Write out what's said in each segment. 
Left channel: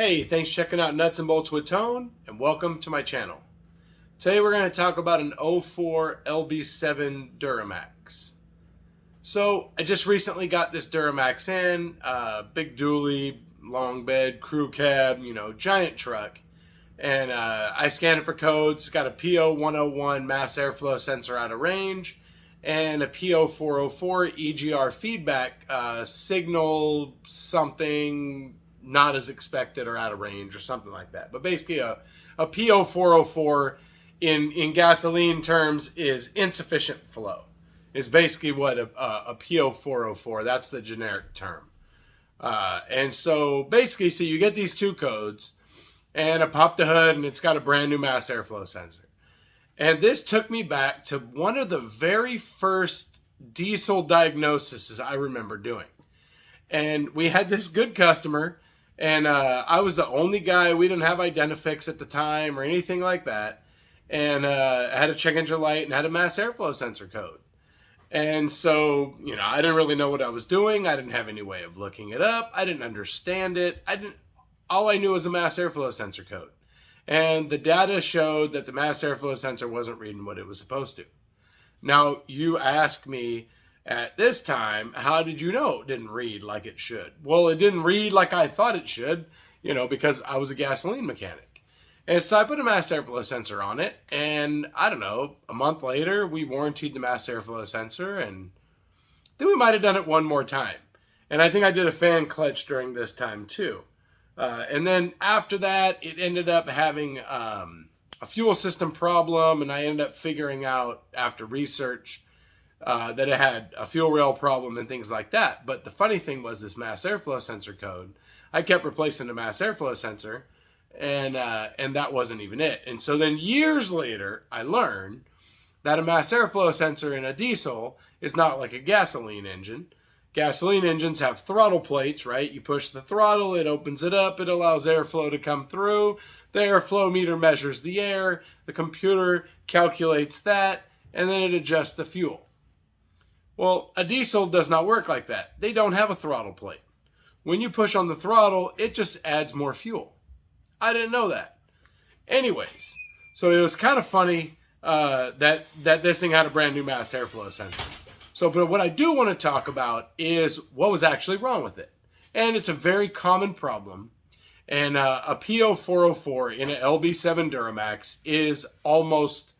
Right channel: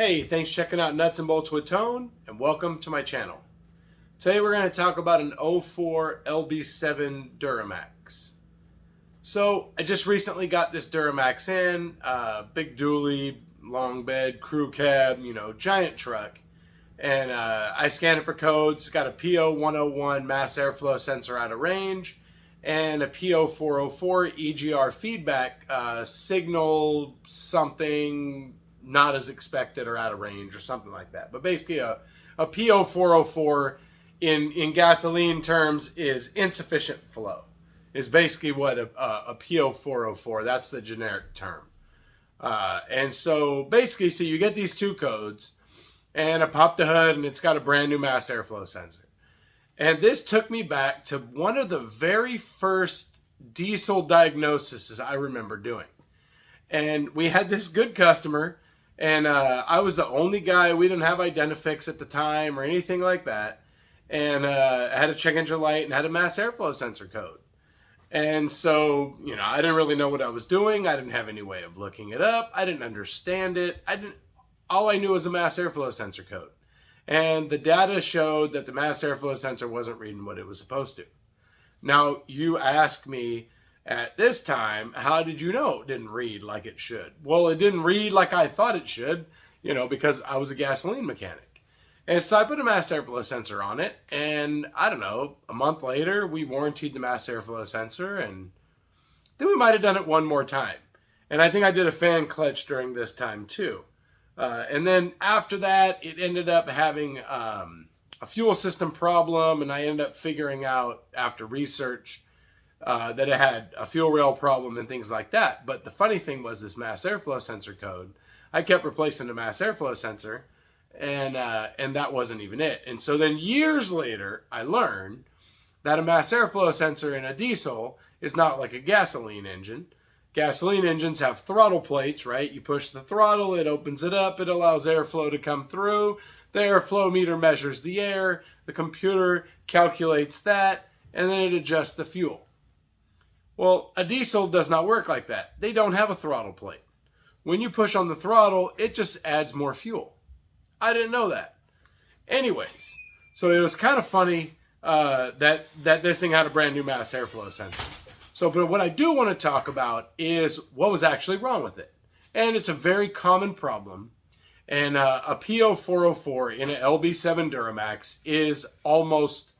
Hey, thanks for checking out Nuts and Bolts with Tone, and welcome to my channel. Today we're going to talk about an 04 Lb7 Duramax. So, I just recently got this Duramax in, big dually, long bed, crew cab, giant truck. And I scanned it for codes, got a P0101 Mass Air Flow sensor out of range, and a P0404 EGR feedback signal something not as expected or out of range or something like that. But basically a P0404 in gasoline terms is insufficient flow, is basically what a P0404, that's the generic term. And so basically, so you get these two codes, and I popped the hood and it's got a brand new mass airflow sensor. And this took me back to one of the very first diesel diagnoses I remember doing. And we had this good customer, and I was the only guy. We didn't have Identifix at the time or anything like that. And I had a check engine light and had a mass airflow sensor code. And so, I didn't really know what I was doing. I didn't have any way of looking it up. I didn't understand it. All I knew was a mass airflow sensor code. And the data showed that the mass airflow sensor wasn't reading what it was supposed to. Now, you ask me at this time, how did you know it didn't read like it should? Well, it didn't read like I thought it should, because I was a gasoline mechanic. And so I put a mass airflow sensor on it, and I don't know, a month later, we warrantied the mass airflow sensor, and then we might have done it one more time. And I think I did a fan clutch during this time too. And then after that, it ended up having a fuel system problem, and I ended up figuring out after research that it had a fuel rail problem and things like that. But the funny thing was this mass airflow sensor code, I kept replacing the mass airflow sensor, and that wasn't even it. And so then years later, I learned that a mass airflow sensor in a diesel is not like a gasoline engine. Gasoline engines have throttle plates, right? You push the throttle, it opens it up, it allows airflow to come through. The airflow meter measures the air, the computer calculates that, and then it adjusts the fuel. Well, a diesel does not work like that. They don't have a throttle plate. When you push on the throttle, it just adds more fuel. I didn't know that. Anyways, so it was kind of funny that this thing had a brand new mass airflow sensor. So, but what I do want to talk about is what was actually wrong with it. And it's a very common problem. And a P0404 in an Lb7 Duramax is almost,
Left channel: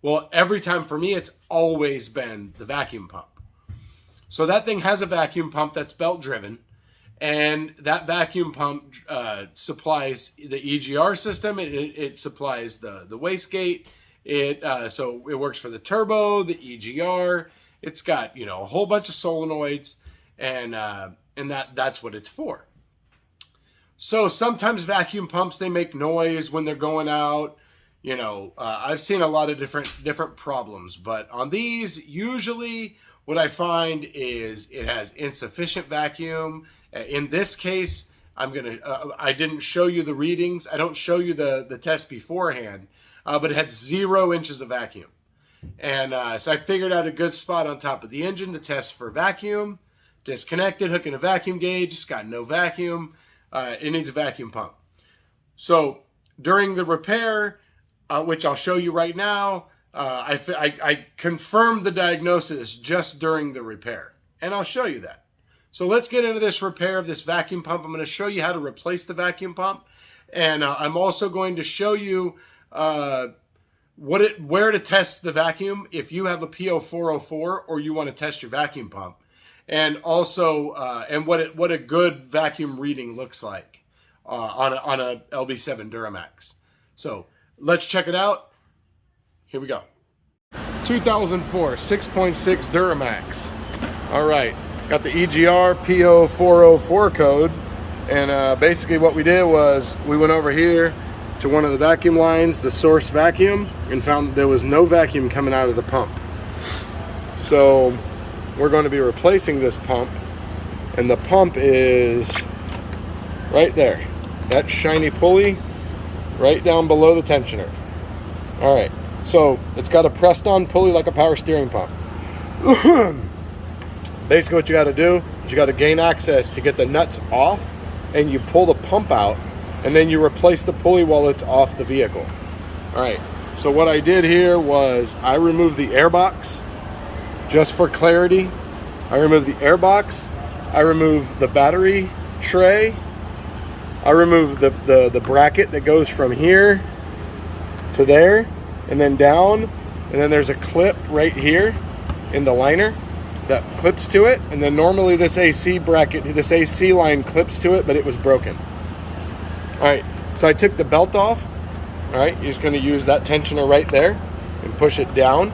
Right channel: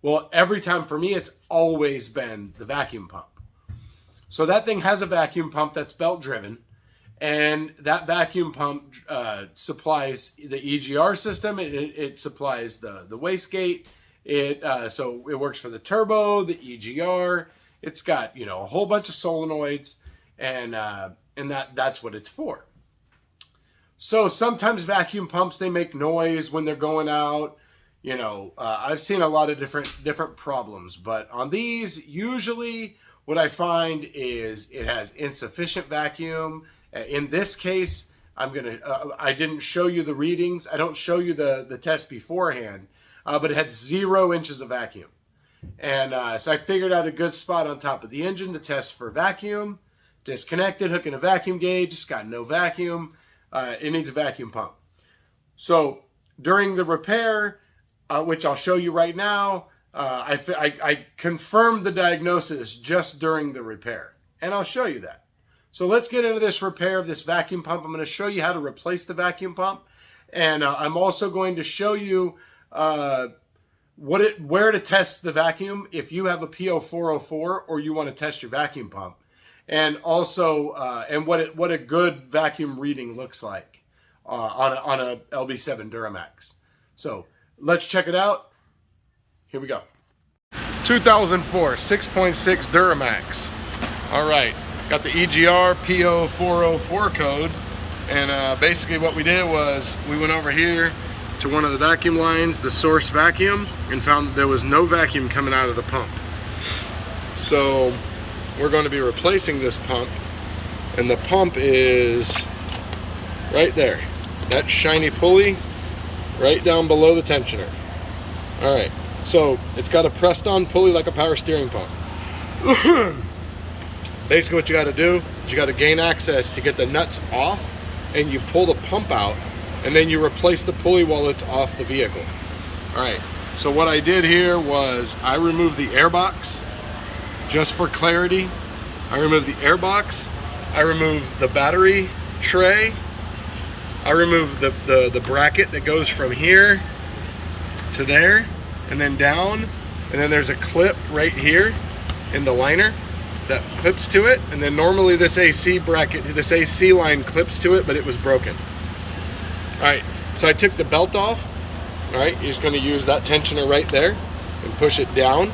well, every time for me, it's always been the vacuum pump. So that thing has a vacuum pump that's belt driven. And that vacuum pump supplies the EGR system. It supplies the wastegate. So it works for the turbo, the EGR. It's got, a whole bunch of solenoids, and that's what it's for. So sometimes vacuum pumps, they make noise when they're going out. I've seen a lot of different problems, but on these, usually what I find is it has insufficient vacuum. In this case, I didn't show you the readings. I don't show you the test beforehand, but it had 0 inches of vacuum. And so I figured out a good spot on top of the engine to test for vacuum. Disconnected, hooking a vacuum gauge, it's got no vacuum. It needs a vacuum pump. So during the repair, which I'll show you right now, I confirmed the diagnosis just during the repair. And I'll show you that. So let's get into this repair of this vacuum pump. I'm going to show you how to replace the vacuum pump. And I'm also going to show you where to test the vacuum if you have a P0404 or you want to test your vacuum pump, and also and what a good vacuum reading looks like on a Lb7 Duramax. So let's check it out. Here we go. 2004 6.6 Duramax. All right, got the EGR P0404 code, and basically what we did was we went over here to one of the vacuum lines, the source vacuum, and found that there was no vacuum coming out of the pump. So we're going to be replacing this pump, and the pump is right there. That shiny pulley right down below the tensioner. All right, so it's got a pressed on pulley like a power steering pump. Basically what you got to do is you got to gain access to get the nuts off, and you pull the pump out and then you replace the pulley while it's off the vehicle. All right, so what I did here was I removed the air box, just for clarity. I removed the air box, I removed the battery tray, I removed the bracket that goes from here to there and then down, and then there's a clip right here in the liner that clips to it, and then normally this AC bracket, this AC line clips to it, but it was broken. All right, so I took the belt off. All right, you're just going to use that tensioner right there and push it down,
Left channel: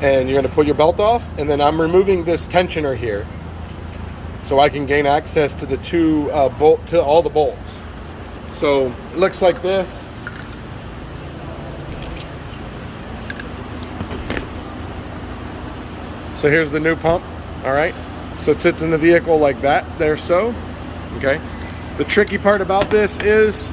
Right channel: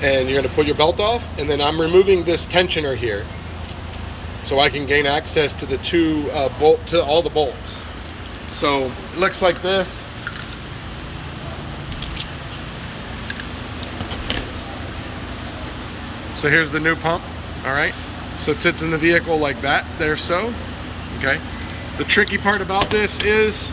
and you're going to pull your belt off, and then I'm removing this tensioner here so I can gain access to the to all the bolts. So it looks like this. So here's the new pump. All right, so it sits in the vehicle like that there. So okay, the tricky part about this is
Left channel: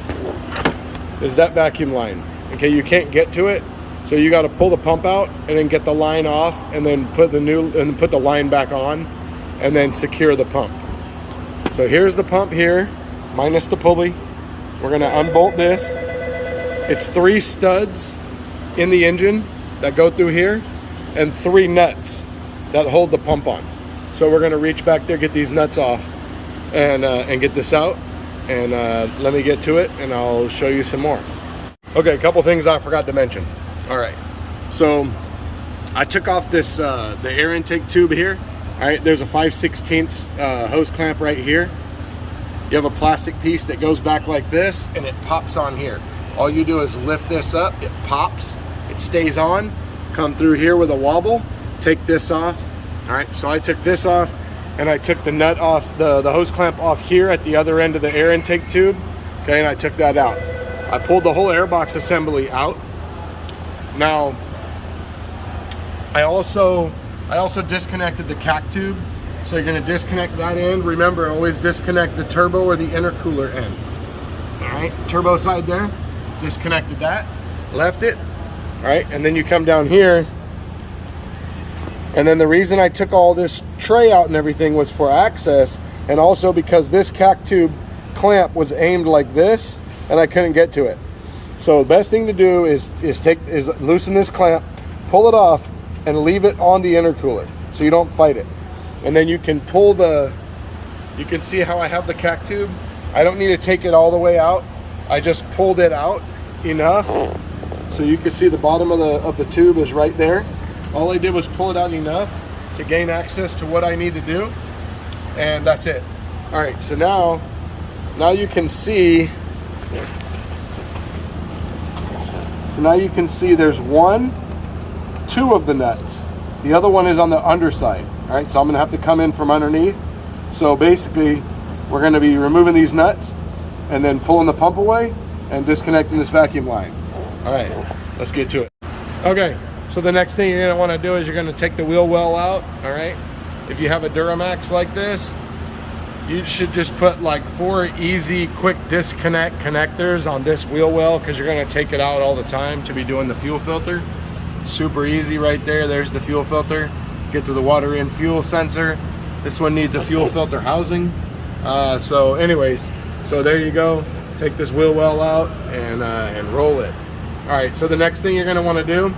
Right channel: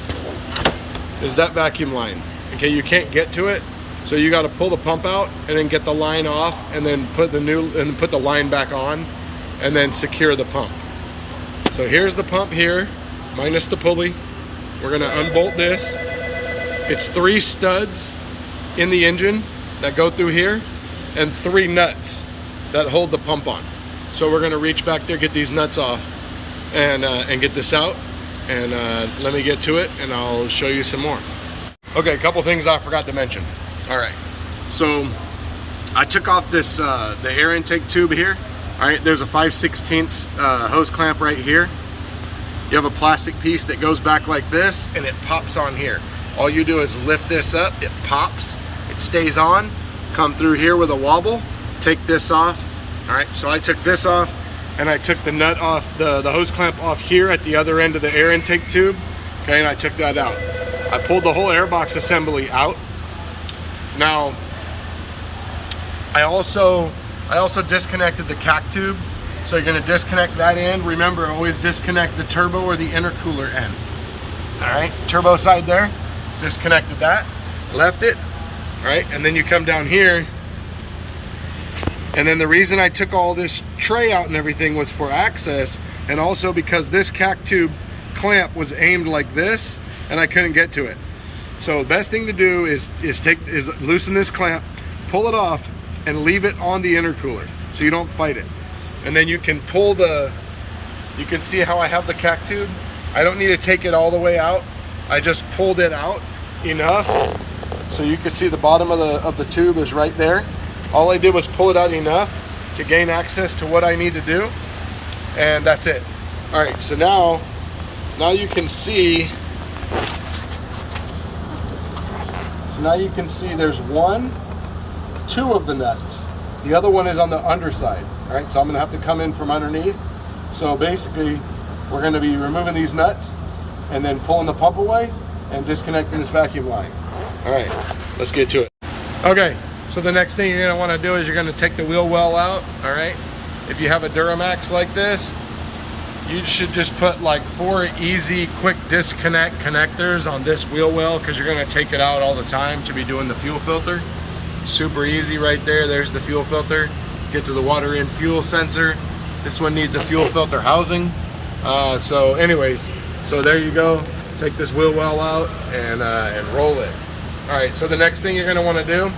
that vacuum line. Okay, you can't get to it, so you got to pull the pump out and then get the line off, and then put the line back on, and then secure the pump. So here's the pump here, minus the pulley. We're going to unbolt this. It's 3 studs in the engine that go through here, and 3 nuts that hold the pump on. So we're going to reach back there, get these nuts off, and get this out, and let me get to it, and I'll show you some more. Okay, a couple things I forgot to mention. All right, so I took off this the air intake tube here. All right, there's a 5/16 hose clamp right here. You have a plastic piece that goes back like this, and it pops on here. All you do is lift this up, it pops, it stays on, come through here with a wobble, take this off. All right, so I took this off, and I took the nut off, the hose clamp off here at the other end of the air intake tube. Okay, and I took that out. I pulled the whole airbox assembly out. Now, I also disconnected the CAC tube. So you're going to disconnect that end. Remember, always disconnect the turbo or the intercooler end. All right, turbo side there, disconnected that, left it. All right, and then you come down here, and then the reason I took all this tray out and everything was for access, and also because this CAC tube clamp was aimed like this, and I couldn't get to it. So the best thing to do is loosen this clamp, pull it off, and leave it on the intercooler so you don't fight it. And then you can pull you can see how I have the CAC tube. I don't need to take it all the way out. I just pulled it out enough so you can see the bottom of the tube is right there. All I did was pull it out enough to gain access to what I need to do, and that's it. All right, so now you can see. So now you can see there's 2 of the nuts. The other one is on the underside. All right, so I'm gonna have to come in from underneath. So basically, we're gonna be removing these nuts and then pulling the pump away and disconnecting this vacuum line. All right, let's get to it. Okay, so the next thing you're gonna wanna do is you're gonna take the wheel well out, all right? If you have a Duramax like this, you should just put like 4 easy, quick disconnect connectors on this wheel well, because you're gonna take it out all the time to be doing the fuel filter. Super easy right there, there's the fuel filter. Get to the water in fuel sensor. This one needs a fuel filter housing. So anyways, so there you go. Take this wheel well out and roll it. All right, so the next thing you're gonna wanna do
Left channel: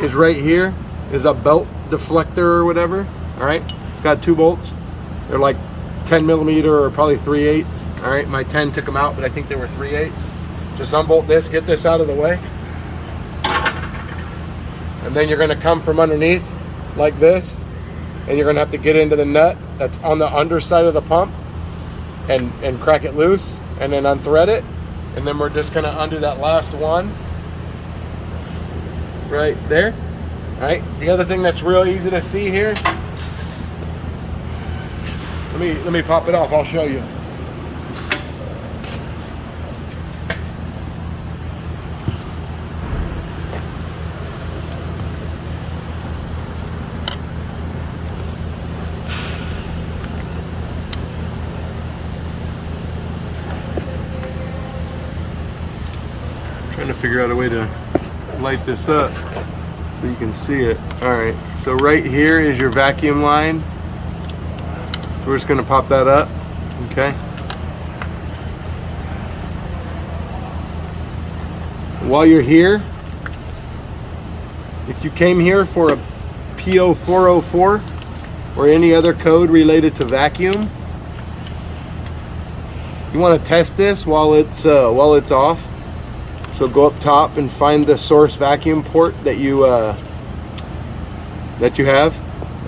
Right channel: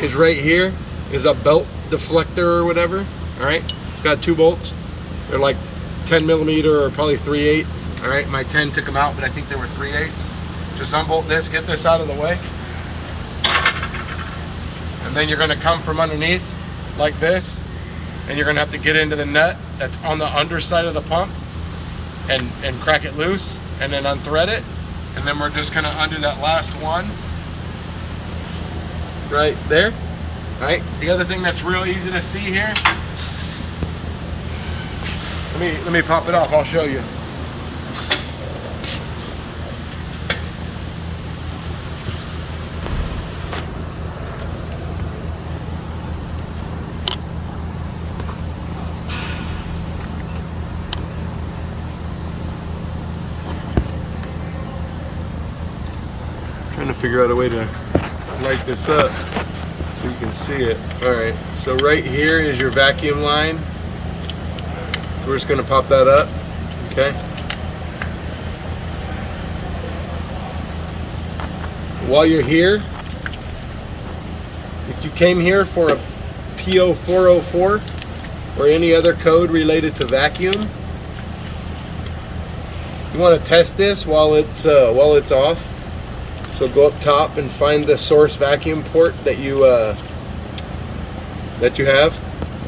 is right here is a belt deflector or whatever. All right, it's got 2 bolts. They're like 10mm or probably 3/8. All right, my 10 took them out, but I think they were 3/8. Just unbolt this, get this out of the way. And then you're gonna come from underneath like this, and you're gonna have to get into the nut that's on the underside of the pump and crack it loose, and then unthread it. And then we're just gonna undo that last one right there. All right, the other thing that's real easy to see here, let me pop it off, I'll show you. Trying to figure out a way to light this up so you can see it. All right, so right here is your vacuum line. we're just going to pop that up. Okay. While you're here, if you came here for a P0404 or any other code related to vacuum, you want to test this while it's off. So go up top and find the source vacuum port that you have,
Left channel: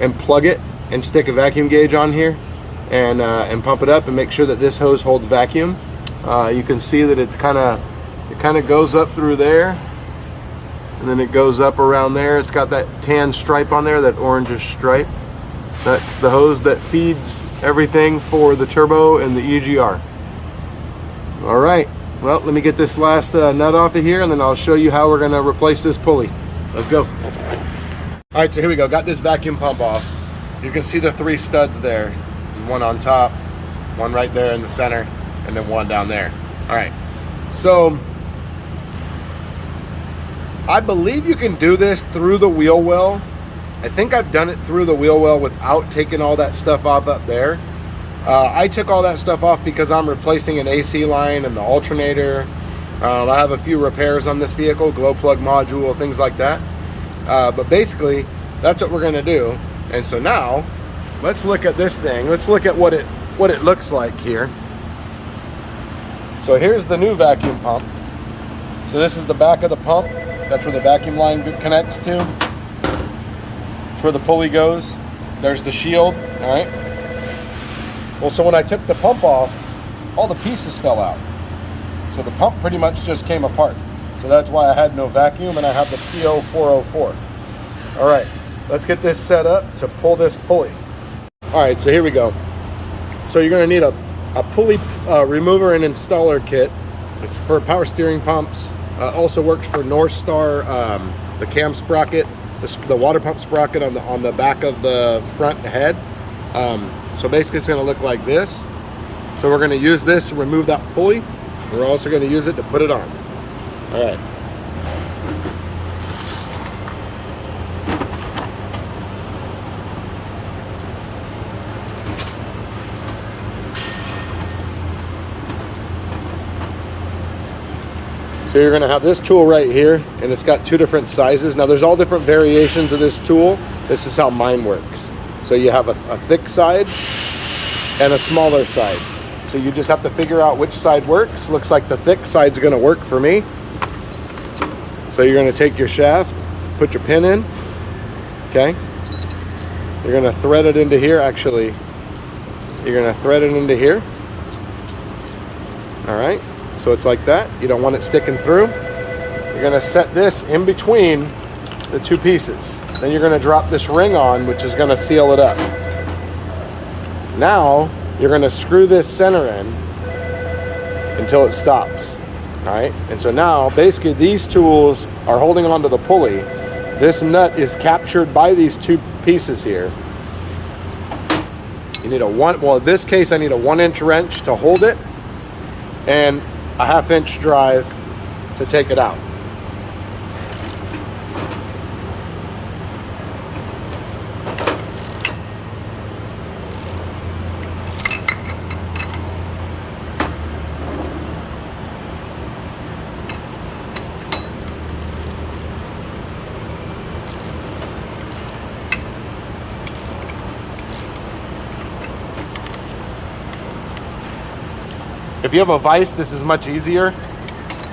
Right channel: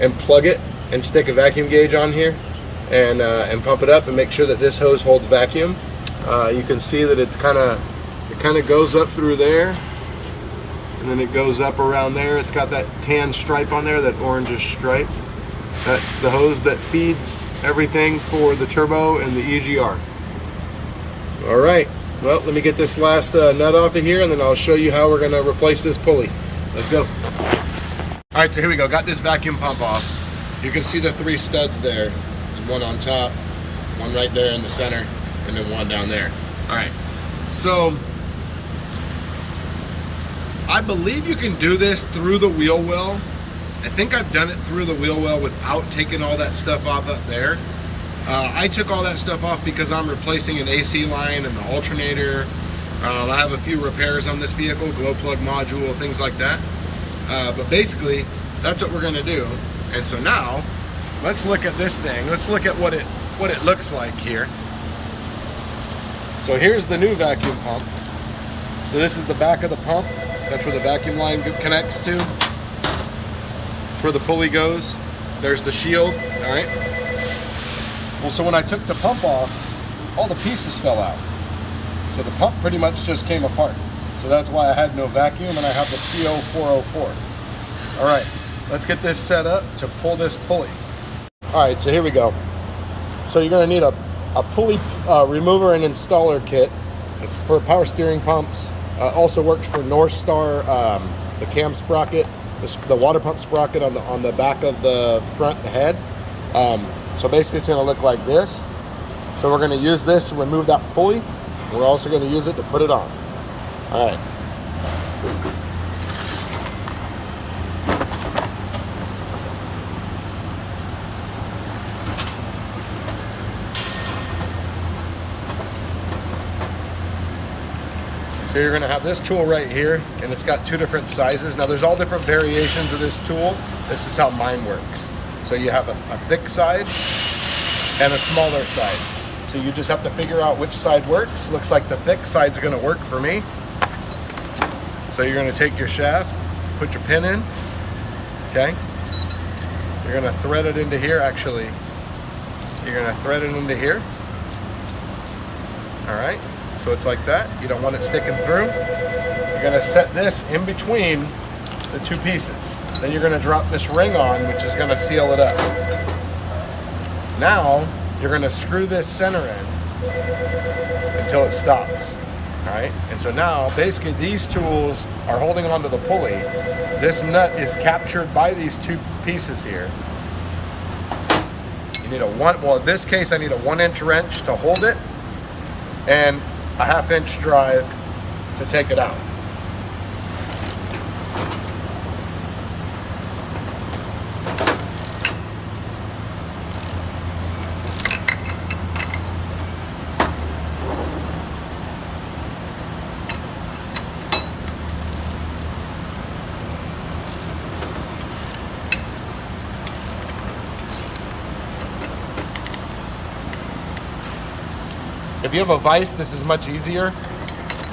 and plug it and stick a vacuum gauge on here, and pump it up and make sure that this hose holds vacuum. You can see that it kind of goes up through there, and then it goes up around there. It's got that tan stripe on there, that orangish stripe. That's the hose that feeds everything for the turbo and the EGR. All right, well, let me get this last nut off of here, and then I'll show you how we're gonna replace this pulley. Let's go. All right, so here we go. Got this vacuum pump off. You can see the 3 studs there. There's one on top, one right there in the center, and then one down there. All right, so I believe you can do this through the wheel well. I think I've done it through the wheel well without taking all that stuff off up there. I took all that stuff off because I'm replacing an AC line and the alternator. I have a few repairs on this vehicle, glow plug module, things like that. But basically, that's what we're gonna do. And so now, let's look at this thing. Let's look at what it looks like here. So here's the new vacuum pump. So this is the back of the pump. That's where the vacuum line connects to. That's where the pulley goes. There's the shield, all right? Well, so when I took the pump off, all the pieces fell out. So the pump pretty much just came apart. So that's why I had no vacuum, and I have the P0404. All right, let's get this set up to pull this pulley. All right, so here we go. So you're gonna need a pulley remover and installer kit. It's for power steering pumps. Also works for North Star, the cam sprocket, the water pump sprocket on the back of the front head. So basically it's gonna look like this. So we're gonna use this to remove that pulley. We're also gonna use it to put it on. All right. So you're gonna have this tool right here, and it's got 2 different sizes. Now there's all different variations of this tool. This is how mine works. So you have a thick side and a smaller side. So you just have to figure out which side works. Looks like the thick side's gonna work for me. So you're gonna take your shaft, put your pin in, okay? You're gonna thread it into here. Actually, you're gonna thread it into here. All right, so it's like that. You don't want it sticking through. You're gonna set this in between the 2 pieces. Then you're gonna drop this ring on, which is gonna seal it up. Now, you're gonna screw this center in until it stops, all right? And so now, basically these tools are holding onto the pulley. This nut is captured by these 2 pieces here. You need well, in this case, I need a 1-inch wrench to hold it and a 1/2-inch drive to take it out. If you have a vise, this is much easier.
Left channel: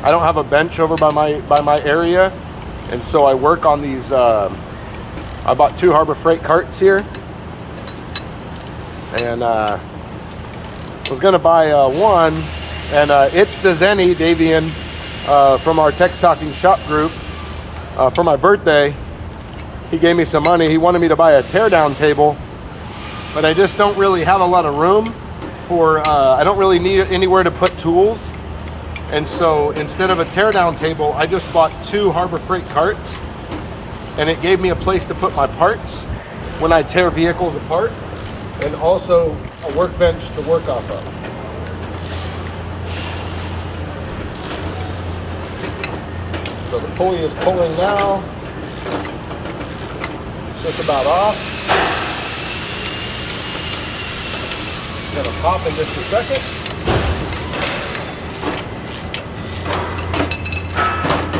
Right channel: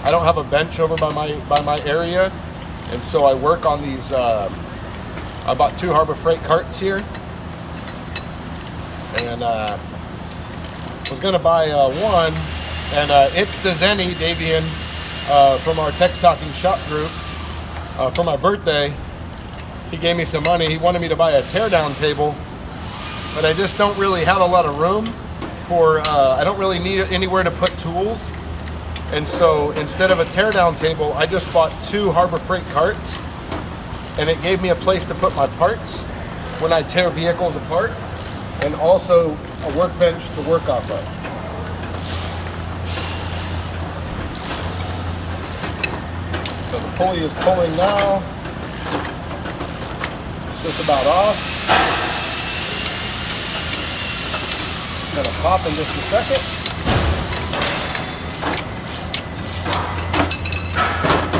I don't have a bench over by my area, and so I work on these. I bought 2 Harbor Freight carts here, and was gonna buy one, and It's the Zenny Davian from our Text Talking Shop group for my birthday. He gave me some money. He wanted me to buy a teardown table, but I just don't really have a lot of room for, I don't really need anywhere to put tools. And so instead of a teardown table, I just bought 2 Harbor Freight carts, and it gave me a place to put my parts when I tear vehicles apart, and also a workbench to work off of. So the pulley is pulling now. It's just about off. gonna pop in just a second.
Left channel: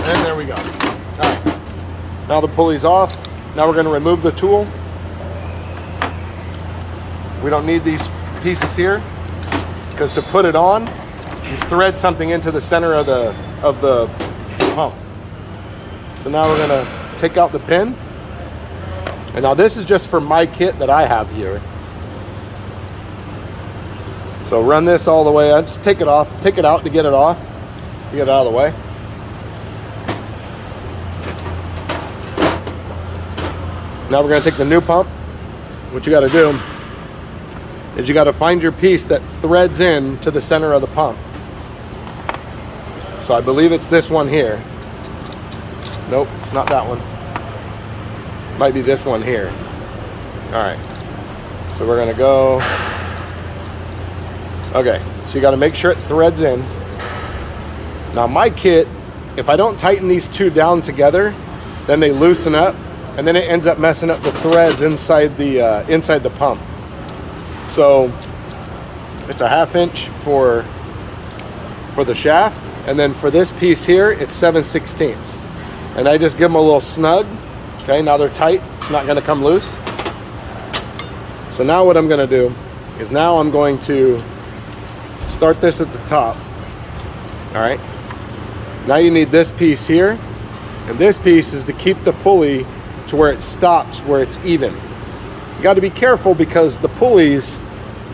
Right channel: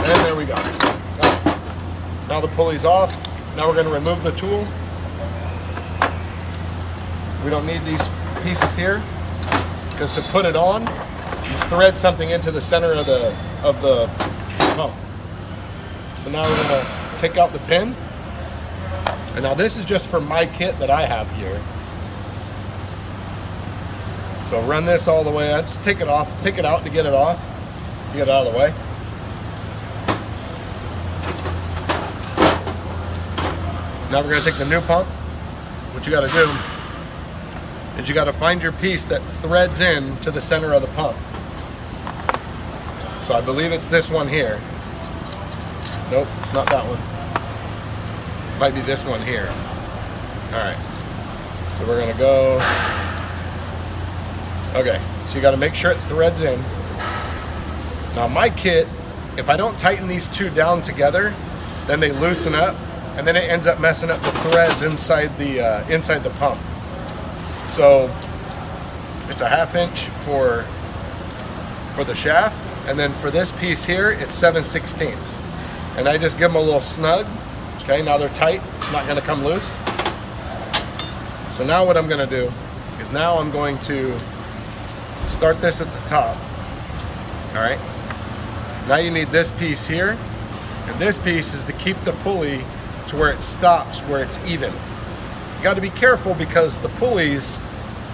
And there we go. Now the pulley's off. Now we're going to remove the tool. We don't need these pieces here, because to put it on, you thread something into the center of the pump. So now we're going to take out the pin. And now this is just for my kit that I have here. So run this all the way. I just take it off, take it out to get it off, to get it out of the way. Now we're going to take the new pump. What you got to do is you got to find your piece that threads in to the center of the pump. So I believe it's this one here. Nope, it's not that one. Might be this one here. All right. So we're going to go. Okay, so you got to make sure it threads in. Now my kit, if I don't tighten these two down together, then they loosen up, and then it ends up messing up the threads inside the pump. So it's a 1/2 inch for the shaft, and then for this piece here, it's 7/16. And I just give them a little snug. Okay, now they're tight. It's not going to come loose. So now what I'm going to do is now I'm going to start this at the top. All right. Now you need this piece here, and this piece is to keep the pulley to where it stops, where it's even. You got to be careful, because the pulleys,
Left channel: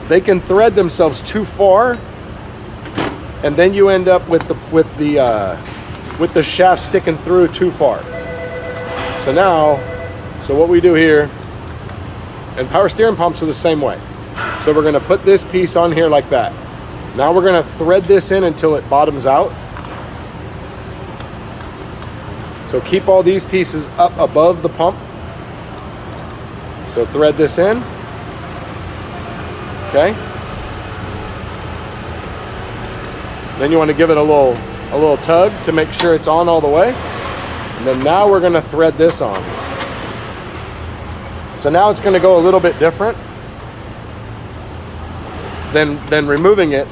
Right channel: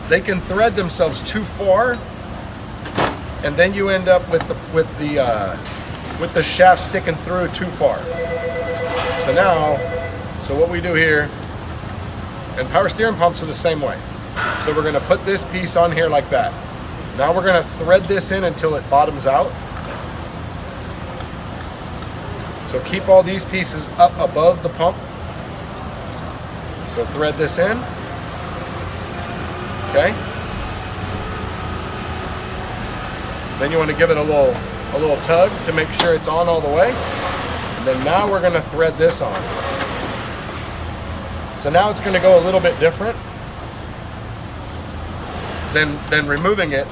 they can thread themselves too far, and then you end up with the shaft sticking through too far. So what we do here, and power steering pumps are the same way. So we're going to put this piece on here like that. Now we're going to thread this in until it bottoms out. So keep all these pieces up above the pump. So thread this in. Okay. Then you want to give it a little tug to make sure it's on all the way. And then now we're going to thread this on. So now it's going to go a little bit different than removing it.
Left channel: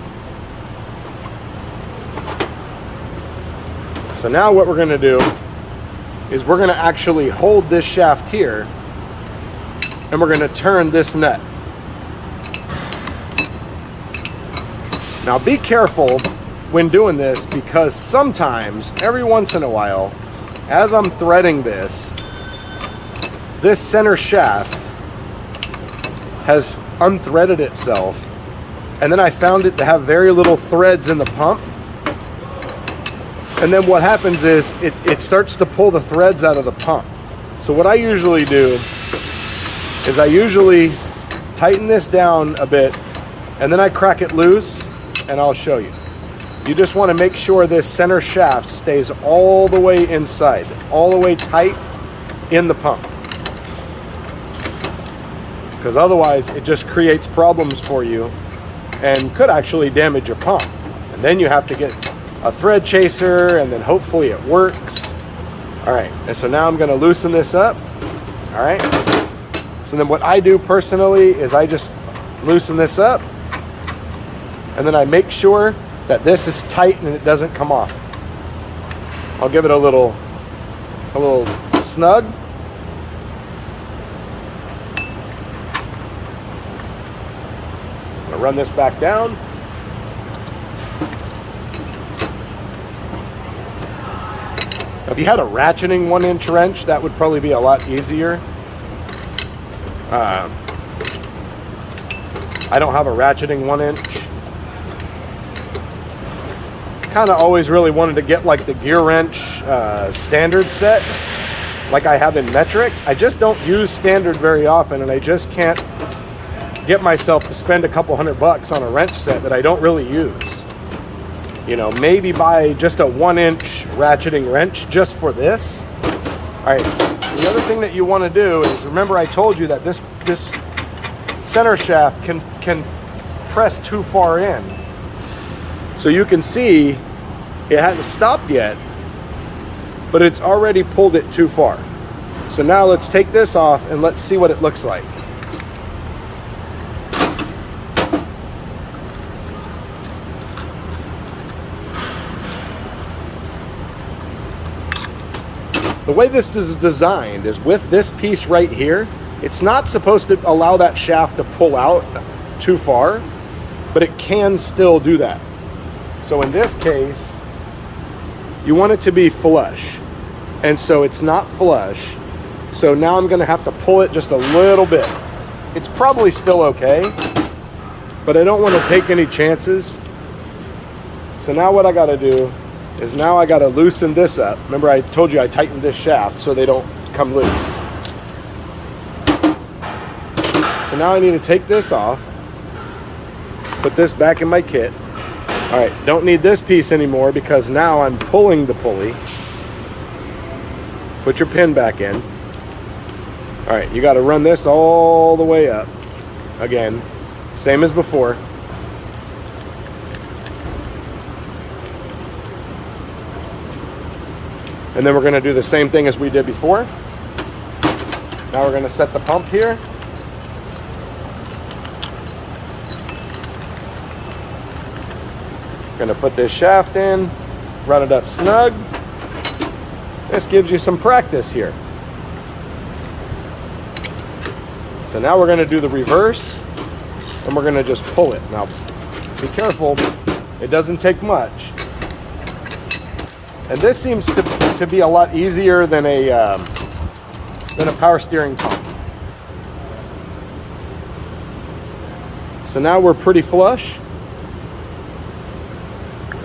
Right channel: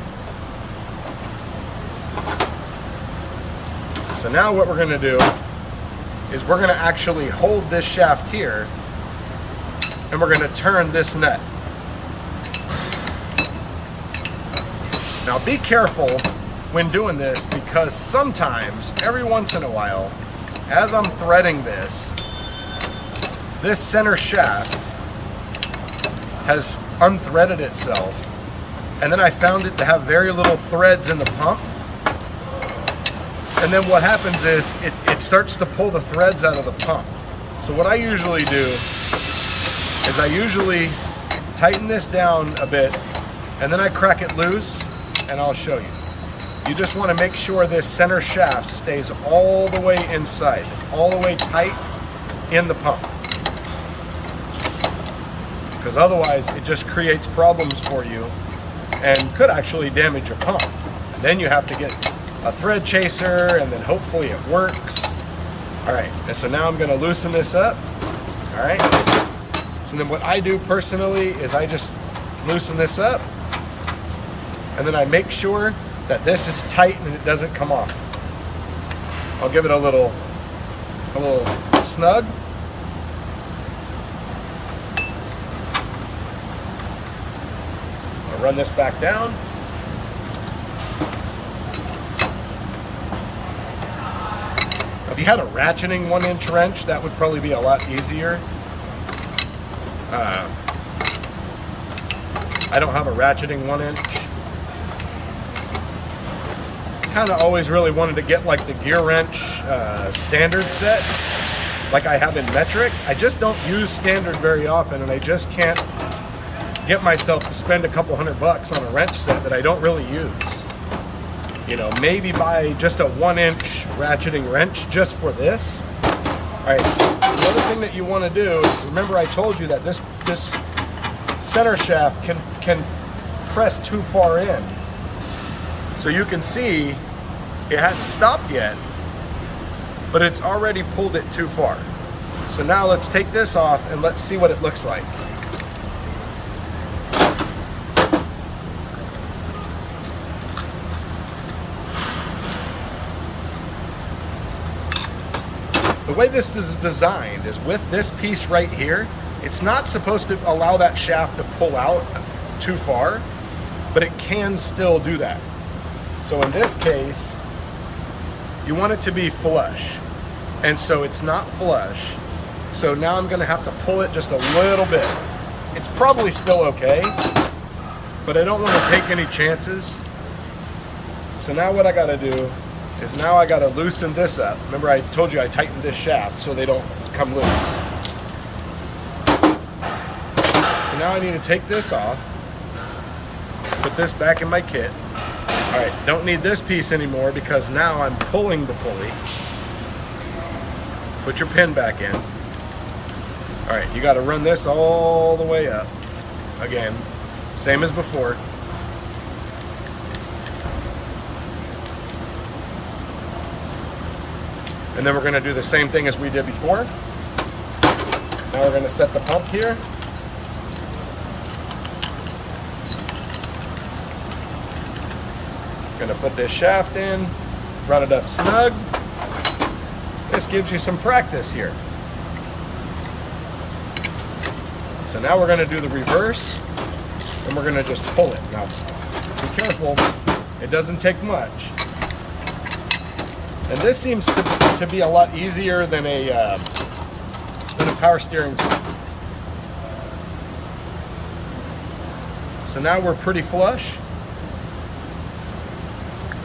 So now what we're going to do is we're going to actually hold this shaft here, and we're going to turn this nut. Now be careful when doing this, because sometimes, every once in a while, as I'm threading this center shaft has unthreaded itself, and then I found it to have very little threads in the pump. And then what happens is it starts to pull the threads out of the pump. So what I usually do is I usually tighten this down a bit, and then I crack it loose, and I'll show you. You just want to make sure this center shaft stays all the way inside, all the way tight in the pump. Because otherwise it just creates problems for you and could actually damage your pump. And then you have to get a thread chaser, and then hopefully it works. All right, and so now I'm going to loosen this up. All right, so then what I do personally is I just loosen this up, and then I make sure that this is tight and it doesn't come off. I'll give it a little snug. I'll run this back down. If you had a ratcheting 1-inch wrench, that would probably be a lot easier. I don't have a ratcheting 1-inch. Kind of always really wanted to get like the gear wrench standard set, like I have in metric. I just don't use standard very often, and I just can't get myself to spend a couple $100 on a wrench set that I don't really use. You know, maybe buy just a 1-inch ratcheting wrench just for this. All right, the other thing that you want to do is, remember I told you that this center shaft can press too far in. So you can see it hasn't stopped yet, but it's already pulled it too far. So now let's take this off and let's see what it looks like. The way this is designed is with this piece right here, it's not supposed to allow that shaft to pull out too far, but it can still do that. So in this case, you want it to be flush. And so it's not flush. So now I'm gonna have to pull it just a little bit. It's probably still okay, but I don't want to take any chances. So now what I gotta do is now I gotta loosen this up. Remember I told you I tightened this shaft so they don't come loose. So now I need to take this off, put this back in my kit. All right, don't need this piece anymore because now I'm pulling the pulley. Put your pin back in. All right, you got to run this all the way up. Again, same as before. And then we're going to do the same thing as we did before. Now we're going to set the pump here. Going to put this shaft in, run it up snug. This gives you some practice here. So now we're going to do the reverse, and we're going to just pull it. Now, be careful, it doesn't take much. And this seems to be a lot easier than a power steering pump. So now we're pretty flush.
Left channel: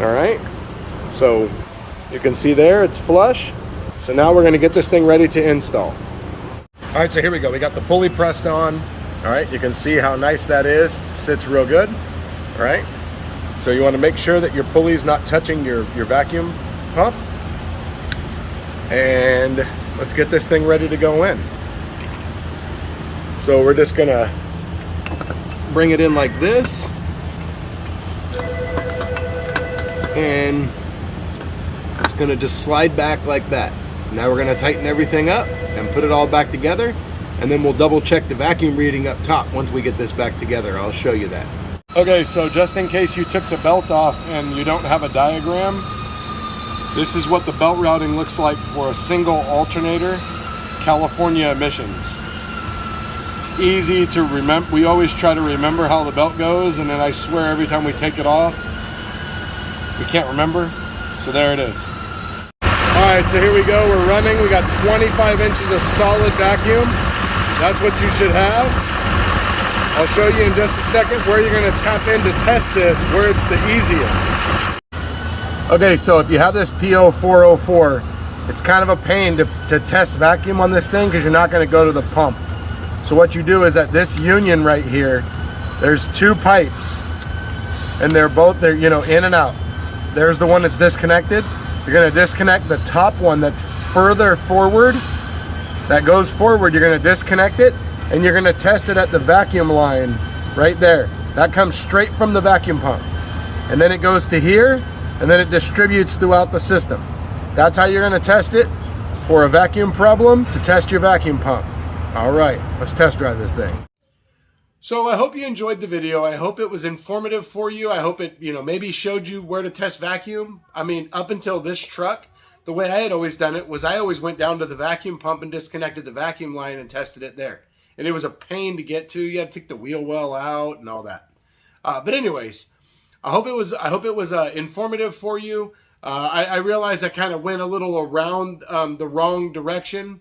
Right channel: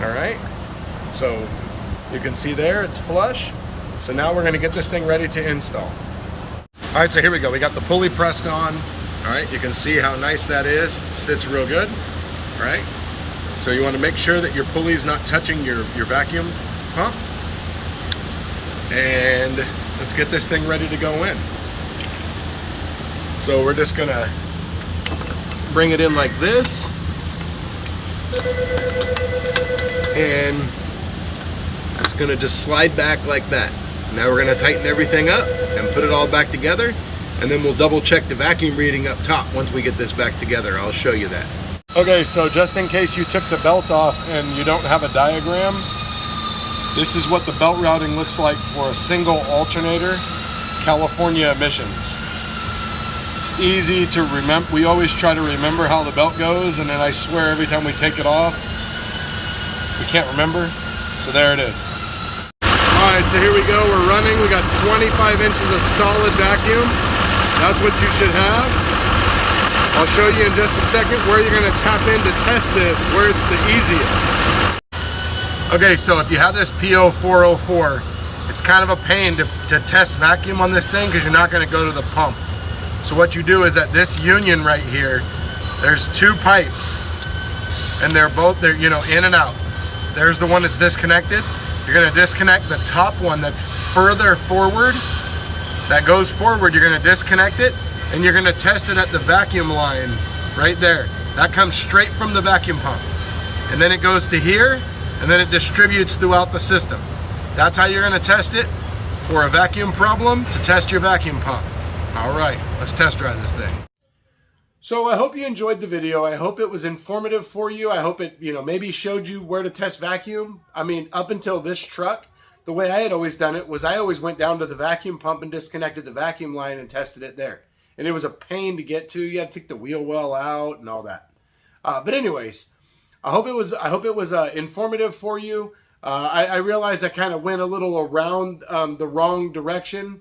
All right, so you can see there it's flush. So now we're going to get this thing ready to install. All right, so here we go. We got the pulley pressed on. All right, you can see how nice that is. It sits real good. All right, so you want to make sure that your pulley's not touching your vacuum pump. And let's get this thing ready to go in. So we're just going to bring it in like this. And it's going to just slide back like that. Now we're going to tighten everything up and put it all back together, and then we'll double check the vacuum reading up top once we get this back together. I'll show you that. Okay, so just in case you took the belt off and you don't have a diagram, this is what the belt routing looks like for a single alternator, California emissions. It's easy to remember. We always try to remember how the belt goes, and then I swear every time we take it off, we can't remember, so there it is. All right, so here we go, we're running. We got 25 inches of solid vacuum. That's what you should have. I'll show you in just a second where you're gonna tap in to test this, where it's the easiest. Okay, so if you have this P0404, it's kind of a pain to test vacuum on this thing because you're not gonna go to the pump. So what you do is at this union right here, there's two pipes, and they're you know, in and out. There's the one that's disconnected. You're gonna disconnect the top one that's further forward. That goes forward, you're gonna disconnect it, and you're gonna test it at the vacuum line right there. That comes straight from the vacuum pump. And then it goes to here, and then it distributes throughout the system. That's how you're gonna test it for a vacuum problem, to test your vacuum pump. All right, let's test drive this thing. So I hope you enjoyed the video. I hope it was informative for you. I hope it, you know, maybe showed you where to test vacuum. I mean, up until this truck, the way I had always done it was I always went down to the vacuum pump and disconnected the vacuum line and tested it there. And it was a pain to get to. You had to take the wheel well out and all that. But anyways, I hope it was informative for you. I realized I kind of went a little around the wrong direction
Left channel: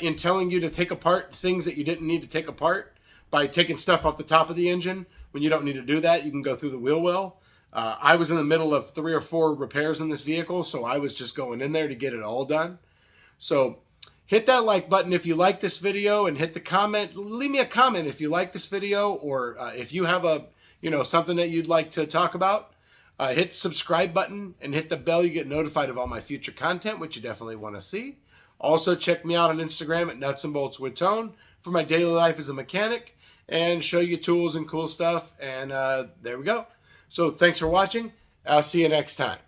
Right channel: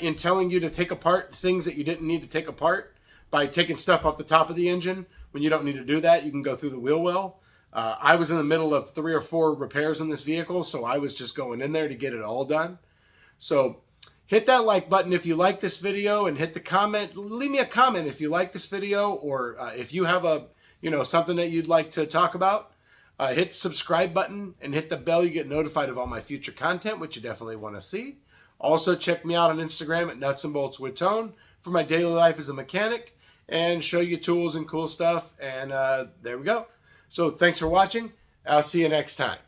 in telling you to take apart things that you didn't need to take apart. By taking stuff off the top of the engine when you don't need to do that. You can go through the wheel well. I was in the middle of 3 or 4 repairs in this vehicle, so I was just going in there to get it all done. So hit that like button if you like this video, and hit the comment. Leave me a comment if you like this video, or if you have a, you know, something that you'd like to talk about. Hit the subscribe button and hit the bell. You get notified of all my future content, which you definitely want to see. Also check me out on Instagram at Nuts and Bolts with Tone for my daily life as a mechanic, and show you tools and cool stuff. And there we go. So thanks for watching. I'll see you next time.